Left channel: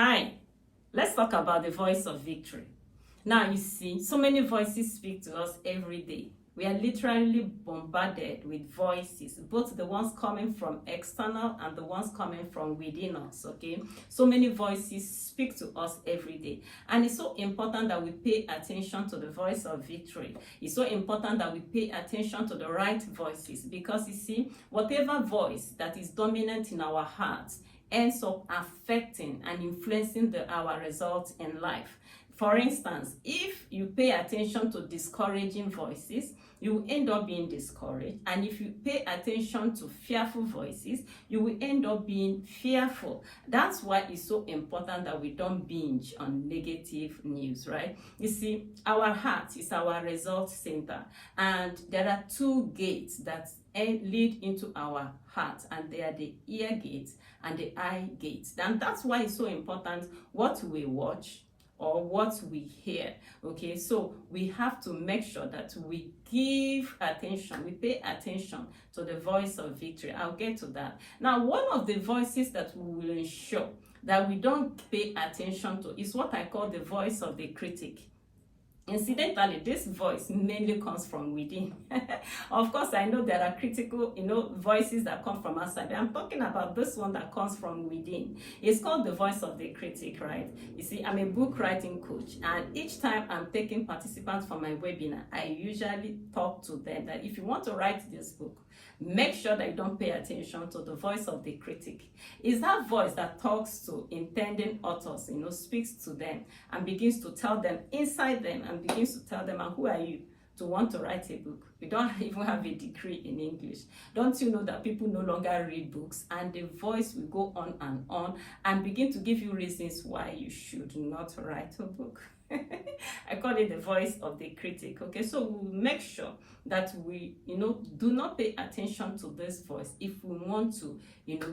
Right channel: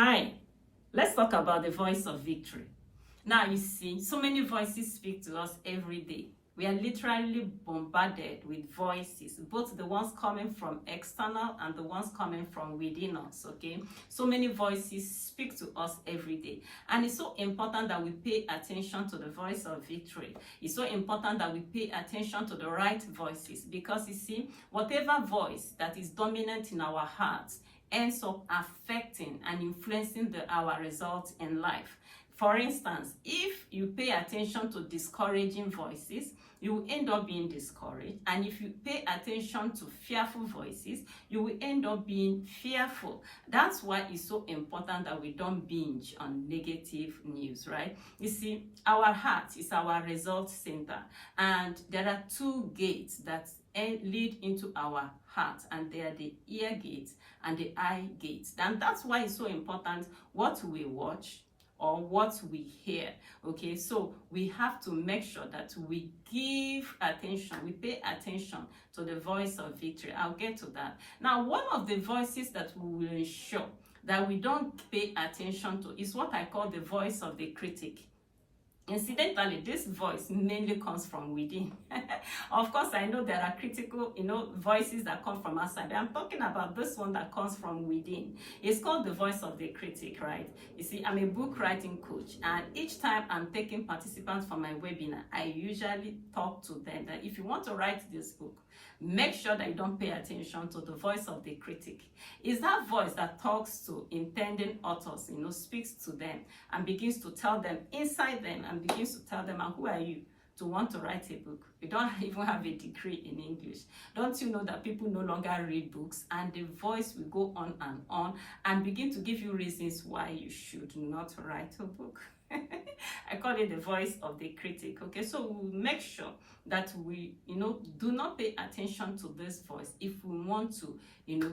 Hi, let's talk about the voice of victory. Now, you see, so many voices speak to us every day. We are literally bombarded with voices, both the ones coming from external and the ones coming from within us, okay? So many voices speak to us every day. And it's so important that we pay attention to the voice of victory. It's so important that we pay attention to the right voices because, you see, whatever voice that is dominant in our hearts ends up affecting and influencing our results in life. For instance, if you pay attention to discouraging voices, you will end up being discouraged. And if you pay attention to fearful voices, you will end up being fearful. That's why it's so important that we don't binge on negative news, right? You see, our heart is our result center. And there are two gates that lead into our heart, and they are the ear gates and the eye gates. And that's why it's so important what we watch or what we hear. Okay, so we have to make sure that we give attention, we pay attention to the voice of victory. I'll get to that. Now, one of the voices that we will ensure that we don't pay attention to is what I call the voice of the critic. Incidentally, this voice mainly comes from within. Of course, I know there are critical, voices that come from outside. I'm talking about this one that comes from within. It's called the voice of the critic, right? You see, I'm a book writing coach, and each time I'm taking participants for my webinar, I usually talk to them that if you want to write this book, make sure that you don't pay attention to the voice of the critic. It's that voice that talks to intending authors, speaks to them and begins to tell them inside them and begins to tell them, and who are you to want to write a book? You don't even have a degree in English. Don't you know that people no longer read books? And the voice will go on and begin to give you reasons why you should not write a book. I call it the voice of the critic. Okay, so we'll make sure that we, do not pay attention to this voice if we want to,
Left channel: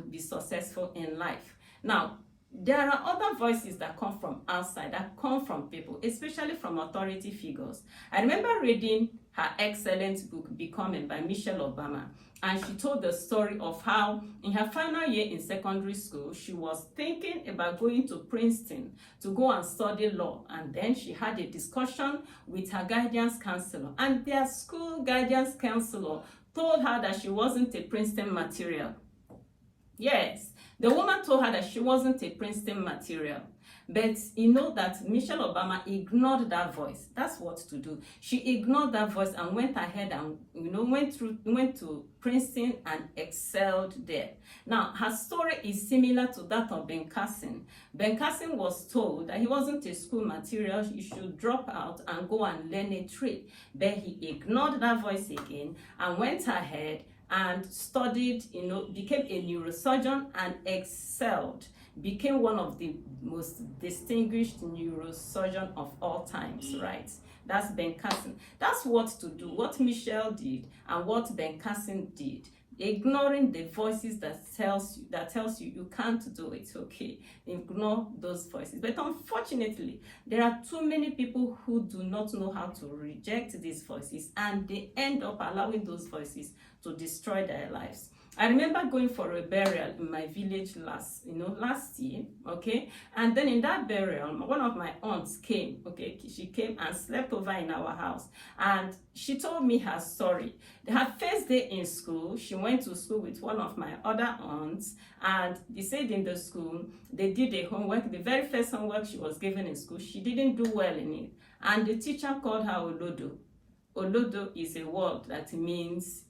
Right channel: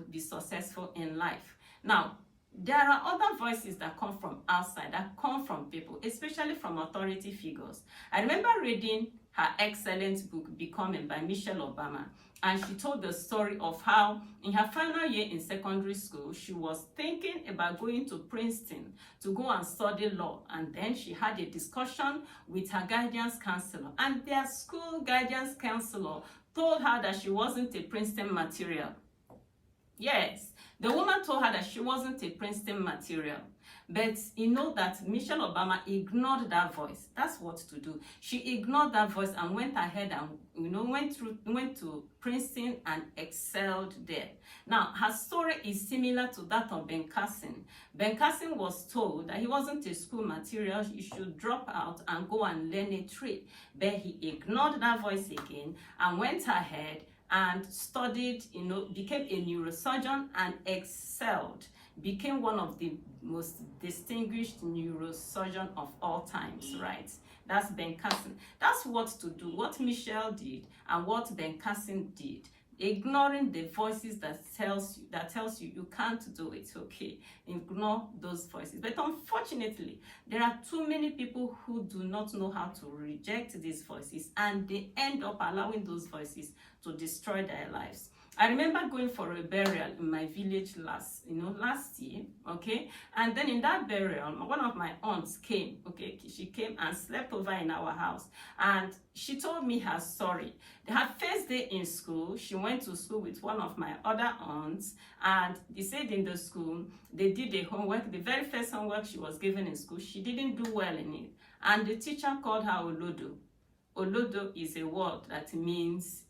be successful in life. Now, there are other voices that come from outside, that come from people, especially from authority figures. I remember reading her excellent book, Becoming, by Michelle Obama. And she told the story of how in her final year in secondary school, she was thinking about going to Princeton to go and study law. And then she had a discussion with her guidance counselor. And their school guidance counselor told her that she wasn't a Princeton material. Yes, the woman told her that she wasn't a Princeton material. But that Michelle Obama ignored that voice. That's what to do. She ignored that voice and went ahead and went to Princeton and excelled there. Now, her story is similar to that of Ben Carson. Ben Carson was told that he wasn't a school material, he should drop out and go and learn a trade. But he ignored that voice again and went ahead and studied, became a neurosurgeon and excelled, became one of the most distinguished neurosurgeon of all times, right? That's Ben Carson. That's what to do, what Michelle did and what Ben Carson did. Ignoring the voices that tells you you can't do it. Okay, ignore those voices. But unfortunately, there are too many people who do not know how to reject these voices, and they end up allowing those voices to destroy their lives. I remember going for a burial in my village last year, okay? And then in that burial, one of my aunts came, okay? She came and slept over in our house. And she told me her story. Her first day in school, she went to school with one of my other aunts. And they said in the school, they did a homework. The very first homework she was given in school, she didn't do well in it. And the teacher called her Olodo. Olodo is a word that means,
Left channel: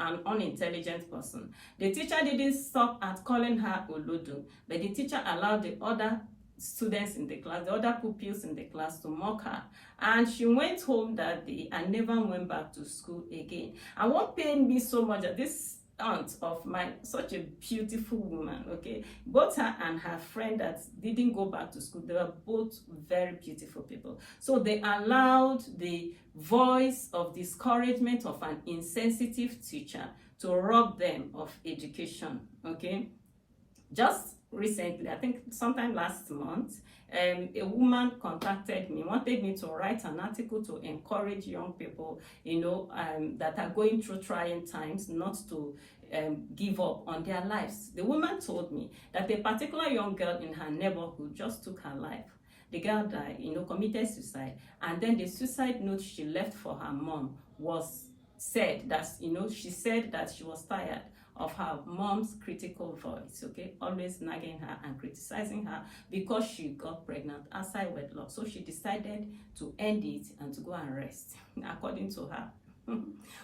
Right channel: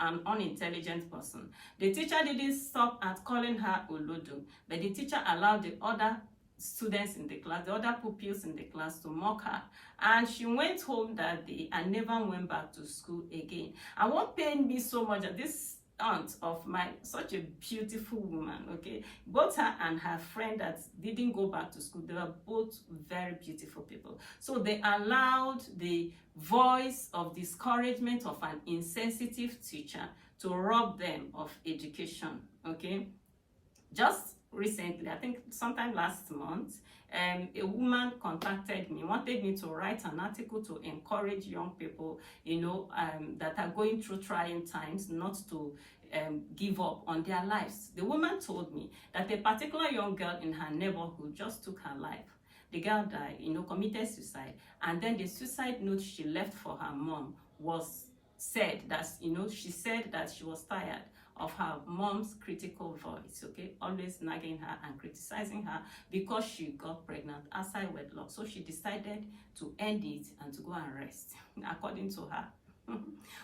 an unintelligent person. The teacher didn't stop at calling her Olodo, but the teacher allowed the other students in the class, the other pupils in the class, to mock her. And she went home that day and never went back to school again. And what pained me so much that this aunt of mine, such a beautiful woman, okay, both her and her friend that didn't go back to school, they were both very beautiful people. So they allowed the voice of discouragement of an insensitive teacher to rob them of education, okay? Just recently, I think sometime last month, a woman contacted me, wanted me to write an article to encourage young people, that are going through trying times, not to give up on their lives. The woman told me that a particular young girl in her neighborhood just took her life. The girl died, committed suicide, and then the suicide note she left for her mom was said that, she said that she was tired of her mom's critical voice, okay, always nagging her and criticizing her because she got pregnant outside wedlock. So she decided to end it and to go and rest, according to her.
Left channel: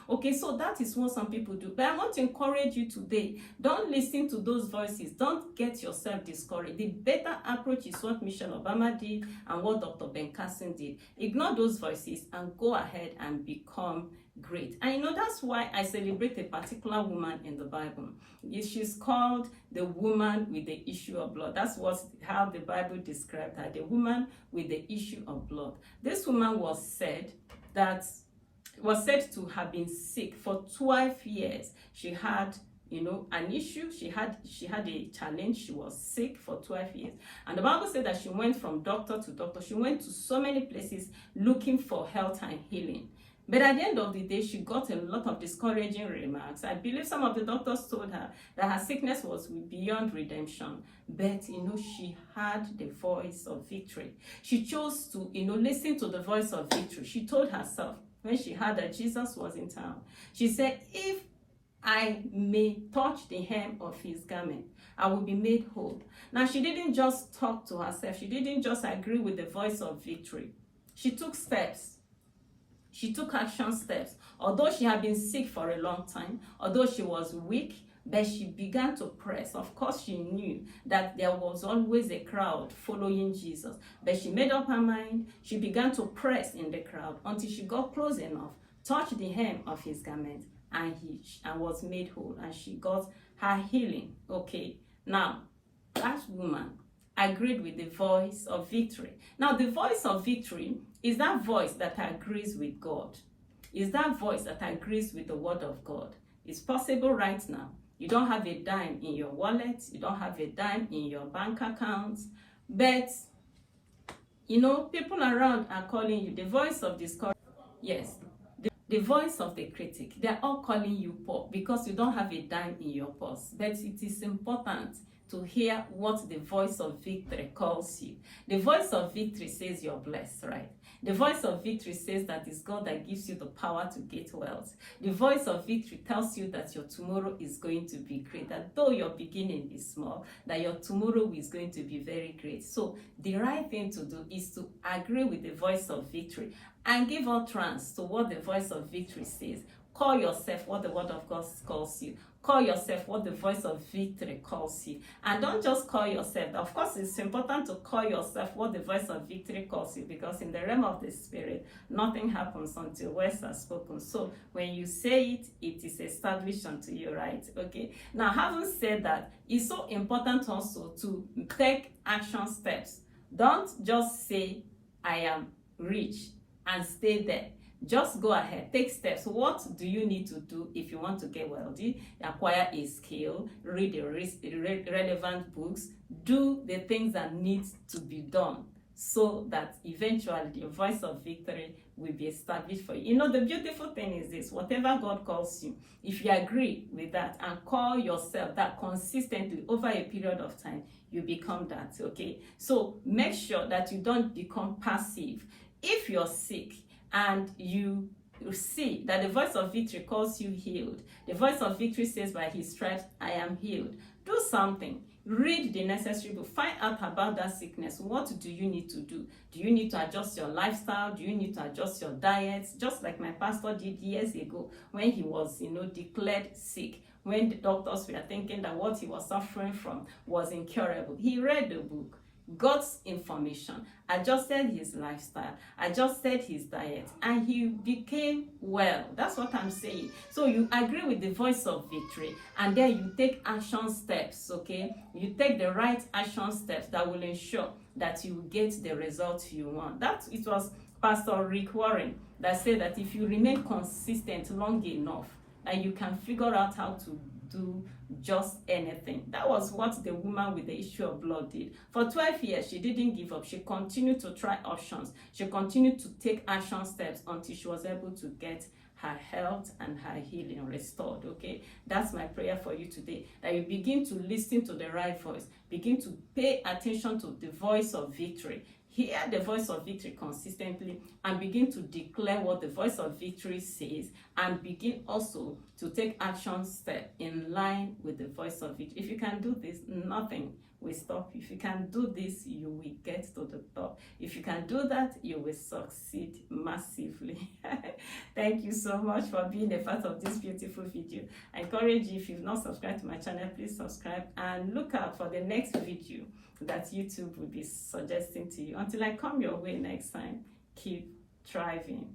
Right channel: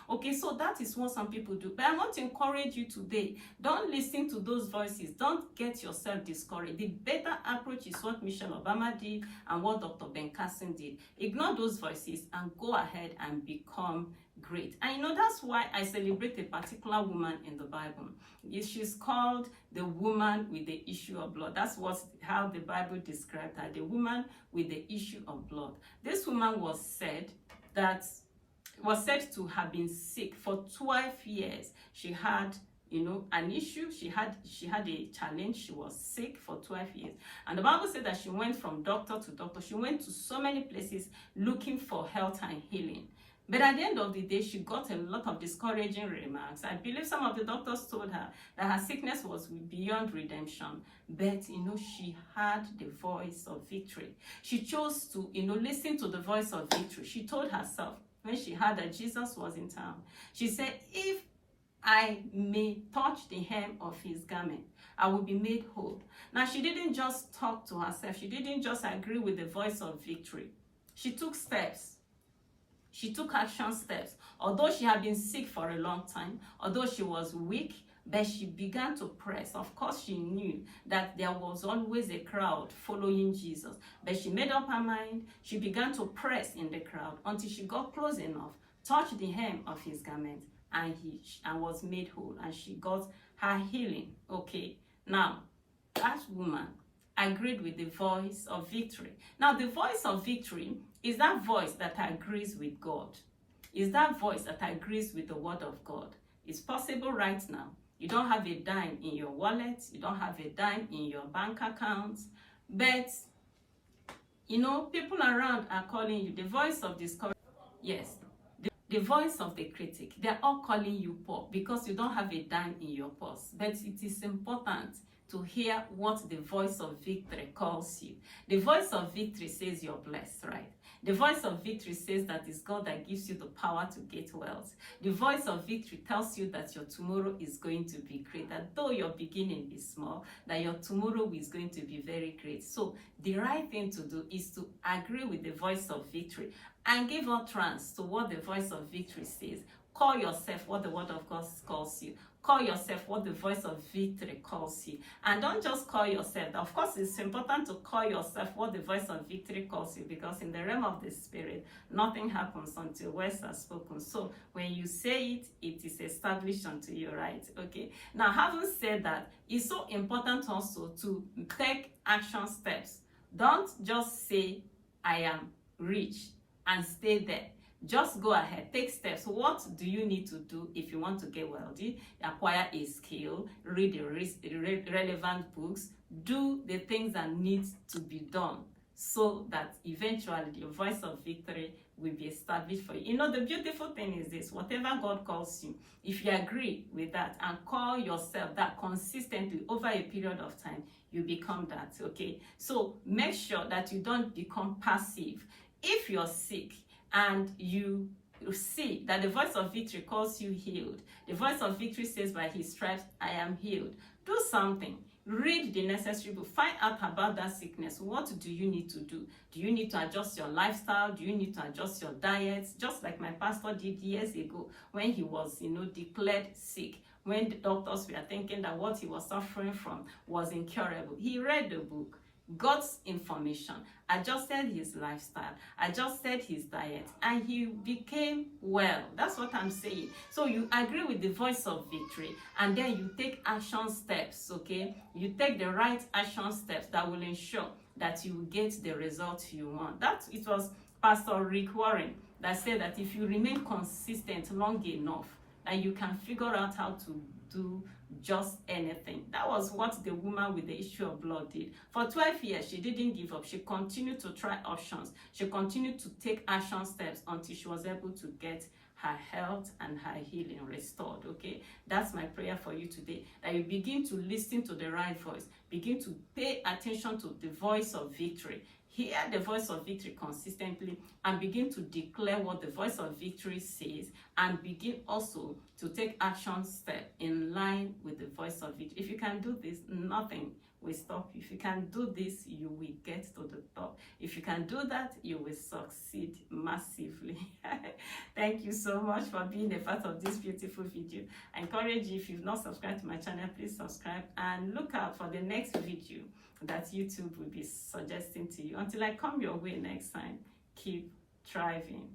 Okay, so that is what some people do. But I want to encourage you today. Don't listen to those voices. Don't get yourself discouraged. The better approach is what Michelle Obama did and what Dr. Ben Carson did. Ignore those voices and go ahead and become great. And that's why I celebrate a particular woman in the Bible. She's called the woman with the issue of blood. That's how the Bible described her, the woman with the issue of blood. This woman was said to have been sick for 12 years. She had an issue. She had a challenge. She was sick for 12 years. And the Bible said that she went from doctor to doctor. She went to so many places looking for health and healing. But at the end of the day, she got a lot of discouraging remarks. I believe some of the doctors told her that her sickness was beyond redemption. But, she had the voice of victory. She chose to, listen to the voice of victory. She told herself, when she heard that Jesus was in town, she said, if I may touch the hem of his garment, I will be made whole. Now, she didn't just talk to herself. She didn't just agree with the voice of victory. She took steps. She took action steps. Although she had been sick for a long time, although she was weak, but she began to press. Of course, she knew that there was always a crowd following Jesus. But she made up her mind. She began to press in the crowd until she got close enough, touched the hem of his garment, and was made whole. And she got her healing. Okay, now, that woman agreed with the voice of victory. Now, the voice of victory is that voice that agrees with God. Is that voice that agrees with the word of God. It's possible right now. You don't have a dime in your wallet. You don't have a dime in your bank account. But, people around are calling you. The voice of discouragement. Yes. The voice of the critic. They're all calling you poor because you don't have a dime in your purse. But it is important to hear what the voice of victory calls you. The voice of victory says you're blessed, right? The voice of victory says that it's God that gives you the power to get wealth. The voice of victory tells you that your tomorrow is going to be great, that though your beginning is small, that your tomorrow is going to be very great. So the right thing to do is to agree with the voice of victory and give utterance to what the voice of victory says. Call yourself what the word of God calls you. Call yourself what the voice of victory calls you. And don't just call yourself. Of course, it's important to call yourself what the voice of victory calls you, because in the realm of the spirit, nothing happens until words are spoken. So when you say it, it is established unto you, right? Okay. Now, having said that, it's so important also to take action steps. Don't just say, I am rich, and stay there. Just go ahead, take steps. What do you need to do if you want to get wealthy? Acquire a skill, read the relevant books, do the things that need to be done so that eventually the voice of victory will be established for you. The beautiful thing is this: whatever God calls you, if you agree with that and call yourself that consistently over a period of time, you become that, okay? So make sure that you don't become passive. If you're sick, and you see that the voice of victory calls you healed. The voice of victory says, by his stripes, I am healed. Do something. Read the necessary book. Find out about that sickness. What do you need to do? Do you need to adjust your lifestyle? Do you need to adjust your diet? Just like my pastor did years ago when he was, declared sick. When the doctors were thinking that what he was suffering from was incurable. He read the book, God's information, adjusted his lifestyle, adjusted his diet, and he became well. That's what I'm saying. So you agree with the voice of victory, and then you take action steps, okay? You take the right action steps that will ensure that you get the results you want. It was Pastor Rick Warren that said that if you remain consistent long enough, and you can figure out how to do just anything. That was what the woman with the issue of blood did. For 12 years, she didn't give up. She continued to try options. She continued to take action steps until she was able to get her health and her healing restored. Okay, that's my prayer for you today, that you begin to listen to the right voice, begin to pay attention to the voice of victory, hear the voice of victory consistently, and begin to declare what the voice of victory says, and begin also to take action step in line with the voice of victory. If you can do this, nothing will stop you. If you can do this, you will get to the top. If you can do that, you will succeed massively. Thank you so much for being a part of this beautiful video. I encourage you, if you've not subscribed to my channel, please subscribe and look out for the next video that YouTube will be suggesting to you. Until I come your way next time, keep thriving.